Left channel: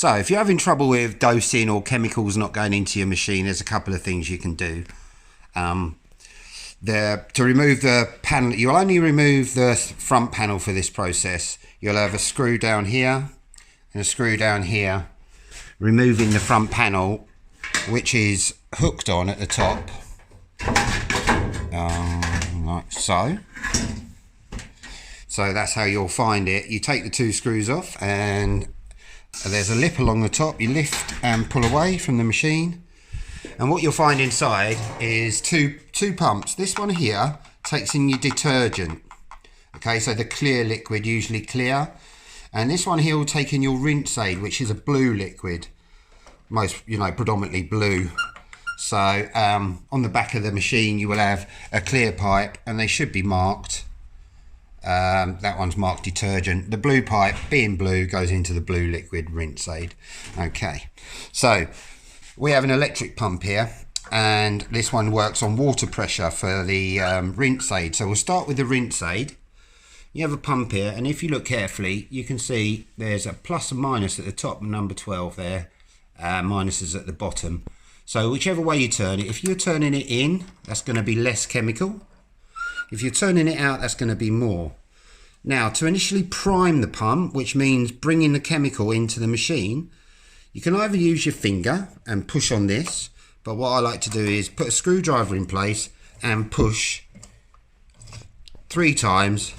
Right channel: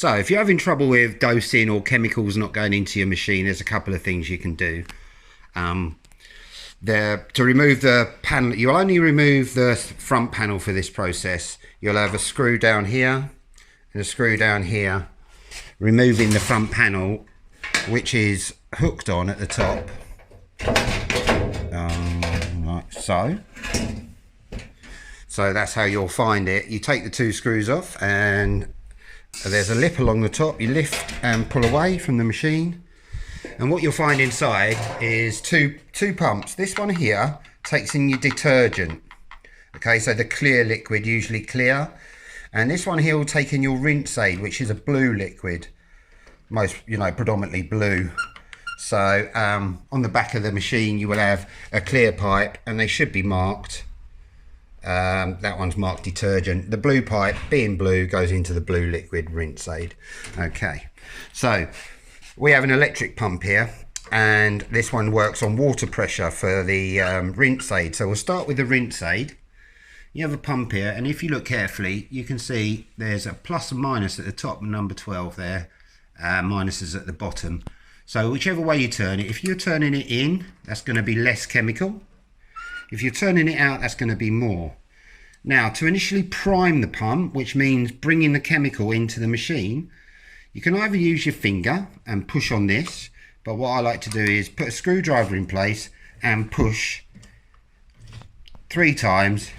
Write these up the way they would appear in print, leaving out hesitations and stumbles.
So if you're having trouble with dosing or chemicals not going into your machine, there's a couple of things you can do. To remove the panel, you'll only remove the front panel for this process. You'll have a screw down here and a screw down here, removing the front panel, which is hooked on at the top, like so. So that's how you'll find it. You take the two screws off and there's a lip along the top. You lift and pull away from the machine. And what you'll find inside is two pumps. This one here takes in your detergent. Okay, so the clear liquid, usually clear. And this one here will take in your rinse aid, which is a blue liquid. Predominantly blue. So on the back of the machine you will have a clear pipe, and they should be marked. That one's marked detergent. The blue pipe, being blue, goes into the blue liquid rinse aid. Okay, so we have an electric pump here, and this one works on water pressure for the rinse aid. So we'll start with the rinse aid. You have a pump here, and if you look carefully you can see there's a plus and minus at the top, number 12 there, minuses at the bottom. So whichever way you turn it, if you're turning it in, that's going to be less chemical. If you're turning it out, that's going to be more. Now, to initially prime the pump, which means bringing the chemical into the machine, you can either use your finger and push on this, but what I like to do is put a screwdriver in place and push 3 times.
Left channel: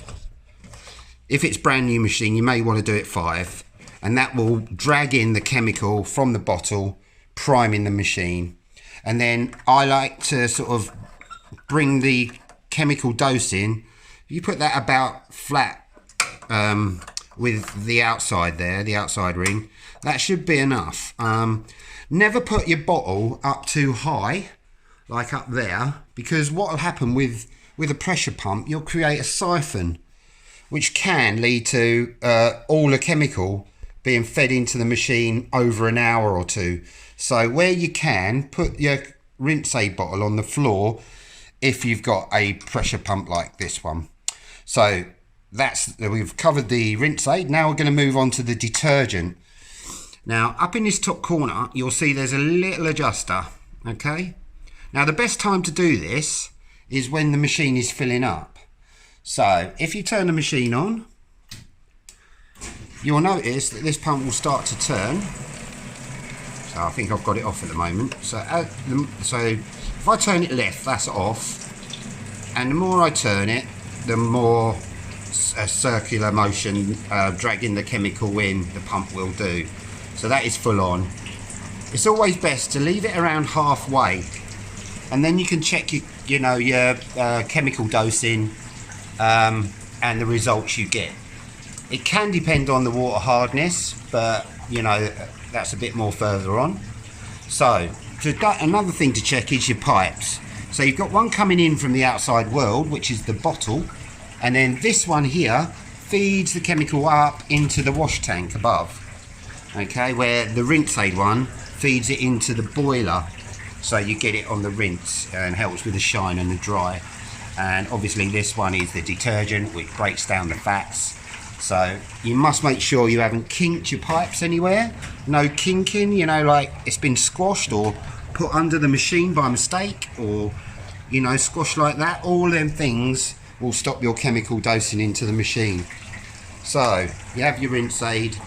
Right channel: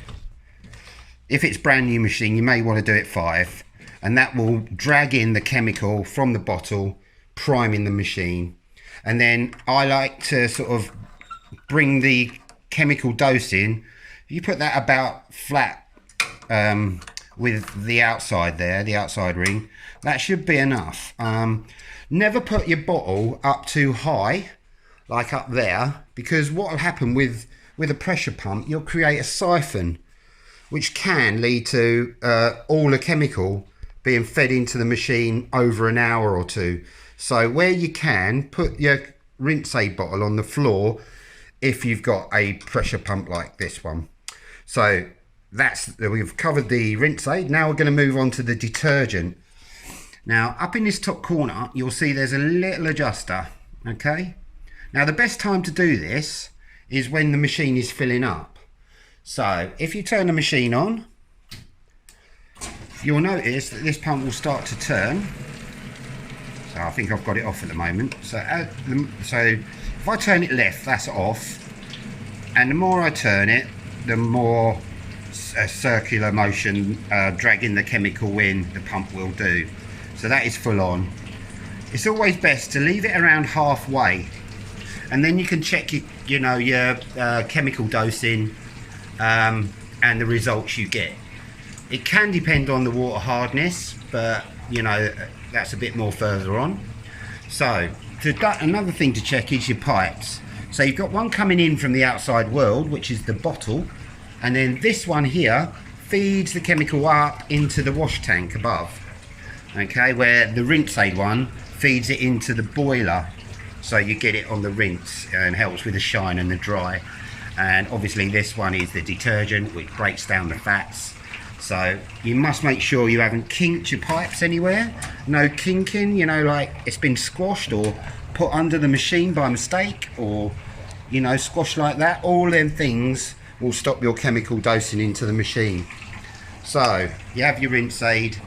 If it's brand new machine, you may want to do it 5, and that will drag in the chemical from the bottle, priming the machine. And then I like to sort of bring the chemical dose in. You put that about flat with the outside there, the outside ring. That should be enough. Never put your bottle up too high, like up there, because what will happen with a pressure pump, you'll create a siphon, which can lead to all the chemical being fed into the machine over an hour or two. So where you can, put your rinse aid bottle on the floor if you've got a pressure pump like this one. So we've covered the rinse aid. Now we're going to move on to the detergent. Now up in this top corner you'll see there's a little adjuster. Okay, now the best time to do this is when the machine is filling up. So if you turn the machine on, you'll notice that this pump will start to turn. So I think I've got it off at the moment. So if I turn it left, that's off, and the more I turn it, the more circular motion dragging the chemical in the pump will do. So that is full on. It's always best to leave it around halfway, and then you can check your chemical dosing and the results you get. It can depend on the water hardness, but that's a bit more further on. So another thing to check is your pipes. So you've got one coming in from the outside world, which is the bottle, and then this one here feeds the chemical up into the wash tank above. Okay, where the rinse aid one feeds it into the boiler, so you get it on the rinse and helps with the shine and the dry. And obviously this one is the detergent, which breaks down the fats. So you must make sure you haven't kinked your pipes anywhere. No kinking, like it's been squashed or put under the machine by mistake, or squashed like that. All them things will stop your chemical dosing into the machine. So you have your rinse aid,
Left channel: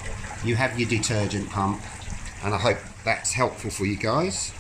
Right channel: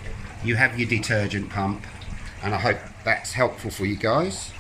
you have your detergent pump, and I hope that's helpful for you guys.